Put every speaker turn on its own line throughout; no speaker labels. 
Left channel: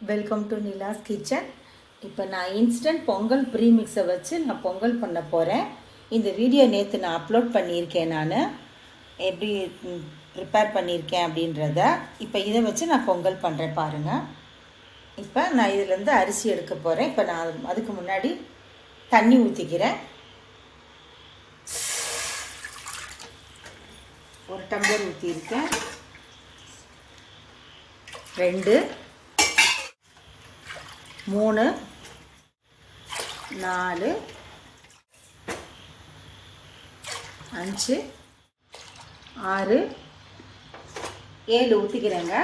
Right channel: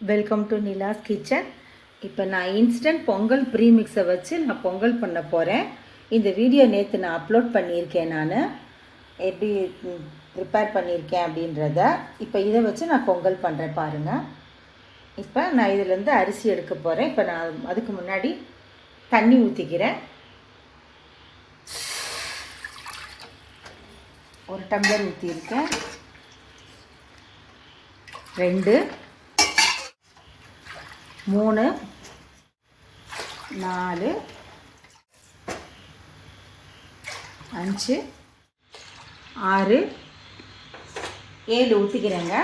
Welcome to Nila's kitchen இப்போ நான் instant Pongal ப்ரீமிக்ஸை வச்சு நான் பொங்கல் பண்ண போகிறேன் இந்த வீடியோ நேற்று நான் அப்லோட் பண்ணியிருக்கேன் நான். எப்படி ப்ரிப்பேர் பண்ணியிருக்கேன் அப்படின்றத. இப்போ இதை வச்சு நான் பொங்கல் பண்ணுறேன் பாருங்கள் இப்போ நான் இதுலேருந்து அரிசி எடுக்க போகிறேன் இப்போ நான் அதுக்கு முன்னாடி தண்ணி ஊற்றிக்கிறேன் ஒரு டம்ளர் ஊற்றியிருக்கேன் ரெண்டு. மூணு நாலு அஞ்சு ஆறு ஏழு ஊற்றிக்கிறேங்க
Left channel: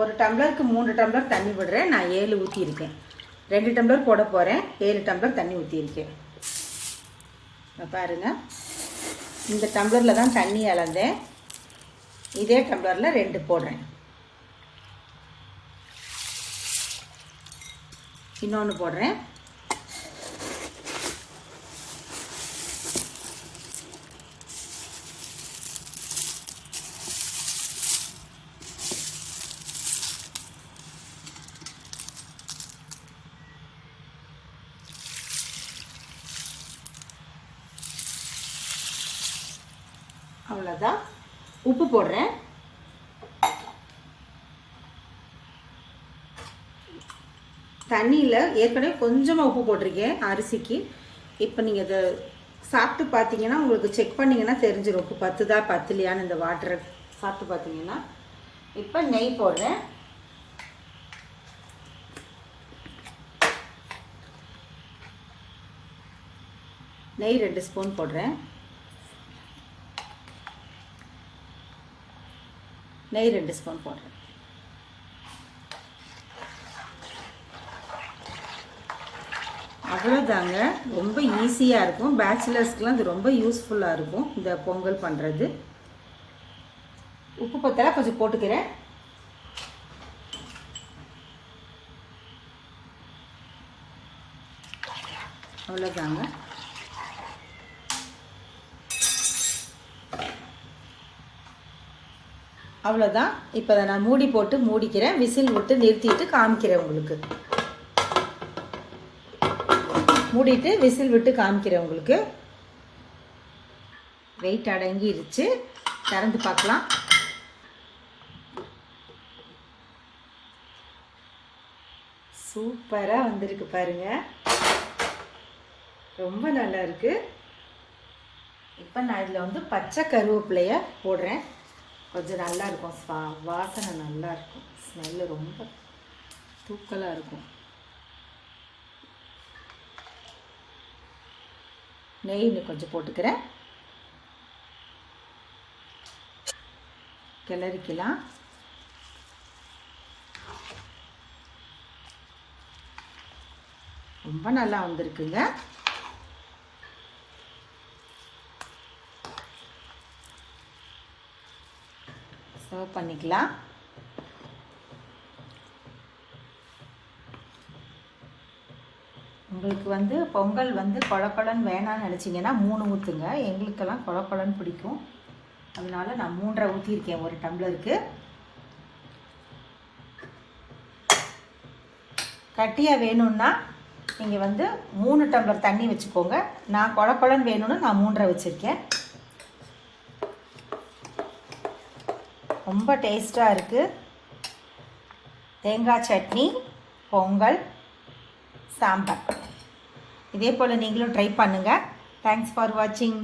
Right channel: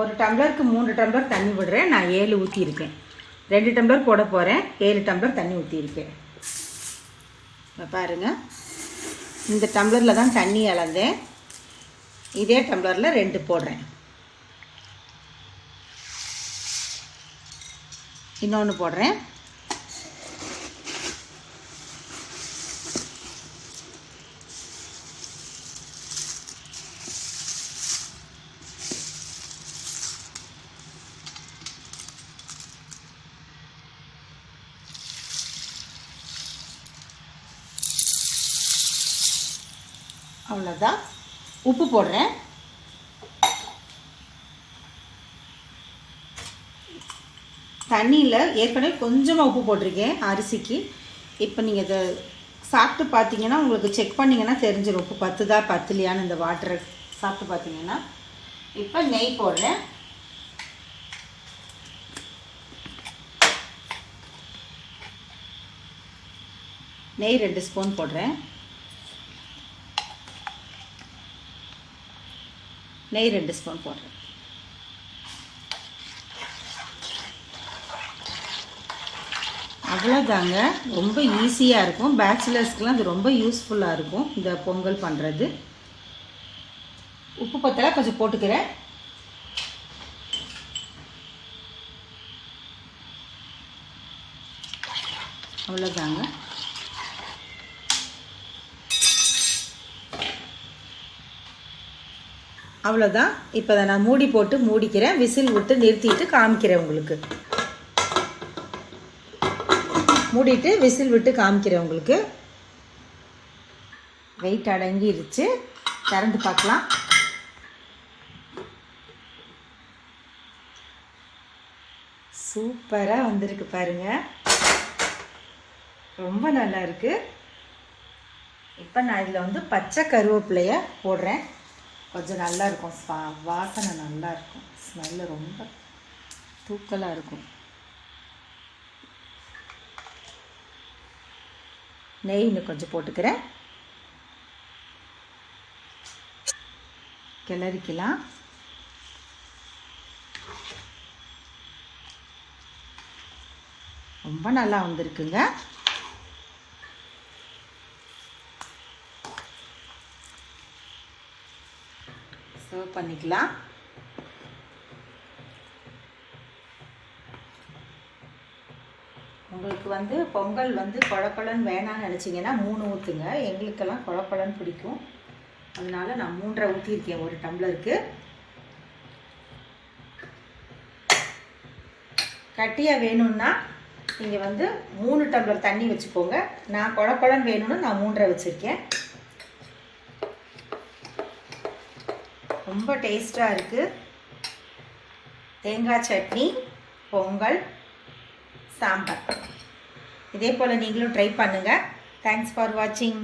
ஒரு டம்ளருக்கு மூணு டம்ளர் தண்ணி விடுறேன். நான் ஏழு ஊற்றியிருக்கேன் ரெண்டு டம்ளர் போட போகிறேன் ஏழு டம்ளர் தண்ணி ஊற்றியிருக்கேன் பாருங்கள் இந்த டம்ளரில் தான் தண்ணி அளந்தேன். இதே டம்ளரில் ரெண்டு போடுறேன். இன்னொன்று போடுறேன். அவ்வளோதான் உப்பு போடுறேன். தண்ணியில் ஏற்கனவே கொஞ்சமாக உப்பு போட்டிருக்கேன் அரிசிக்கு. இப்போ நீங்கள் இதை சாப்பிட்டு பார்த்தீங்கன்னா உங்களுக்கு செக் பண்ணிங்கன்னா தெரிஞ்சிடும் உப்பு பத்துதா பத்துலையான்னு இந்த வாட்டரை சாப்பிட்டு பார்த்தீங்கன்னா இப்போ நெய் போடுறேன். நெய் ரெண்டு ஸ்பூன் போடுறேன். நெய் ரெண்டு ஸ்பூன் போடுறேன். அவ்வளோதாங்க ரொம்ப ஈஸியாக இருக்கும். பேச்சுலர்ஸ்க்கெலாம் இது ரொம்ப யூஸ்ஃபுல்லாக இருக்கும் இந்த பொங்கல் பண்ணுறது உப்பு பத்தலை கொஞ்சம் போட்டுக்கிறேன். அவ்வளோதாங்க அவ்வளோதான் இப்போ அதை நான் மூடி போட்டு மூடிக்கிறேன். விசில் விட்டு நிறுத்திட்டு காமிக்கிறேன் உங்களுக்கு. மூடிட்டு விசில் விட்டு காமிக்கிறேன் உங்களுக்கு. வெயிட் அடங்கிருச்சு. திறந்து பார்க்கலாம். சூப்பராக வந்திருக்கு பாருங்கள் ரொம்ப நல்லா இருக்கு. இப்போ நான் இதில் வந்து பச்சை கருவேப்பிலைய போடுறேன். கொஞ்சம் நல்லா இருக்கும். வாசனை நல்லா இருக்கும். ஸ்மெல்லு ரொம்ப தூக்கலாக இருக்கும். நெய் இன்னும் கொஞ்சம் போட்டுக்கிறேன். கிளறிக்கலாம். ரொம்ப நல்லா வந்திருக்குங்க. சர்வ் பண்ணிக்கலாம். உங்களுக்கு வந்து பொங்கல் வந்து குழப்பழன்னு வேணாம்னு நினச்சிங்கன்னா மூணு ஊற்றுங்க எங்களுக்கெல்லாம் குழப்பழன்னு பிடிக்கும். அதனால் நான் மூன்றரை ஊற்றிருக்கேன் ஒரு டம்ளருக்கு. கட்டியாக வேணும்னா நீங்கள் வந்து மூணு டம்ளர் தண்ணி வச்சுக்கோங்க. நான் குழப்பழன்னு வேணும்னு நான் மூன்றரை வச்சுருக்கேன். ரொம்ப டேஸ்ட்டாக இருக்குது தேங்காய் சட்னி பொங்கல் சாம்பார். இதே போல் நீங்களும் ட்ரை பண்ணுங்கள் தேங்க்ஸ் ஃபார் வாட்சிங்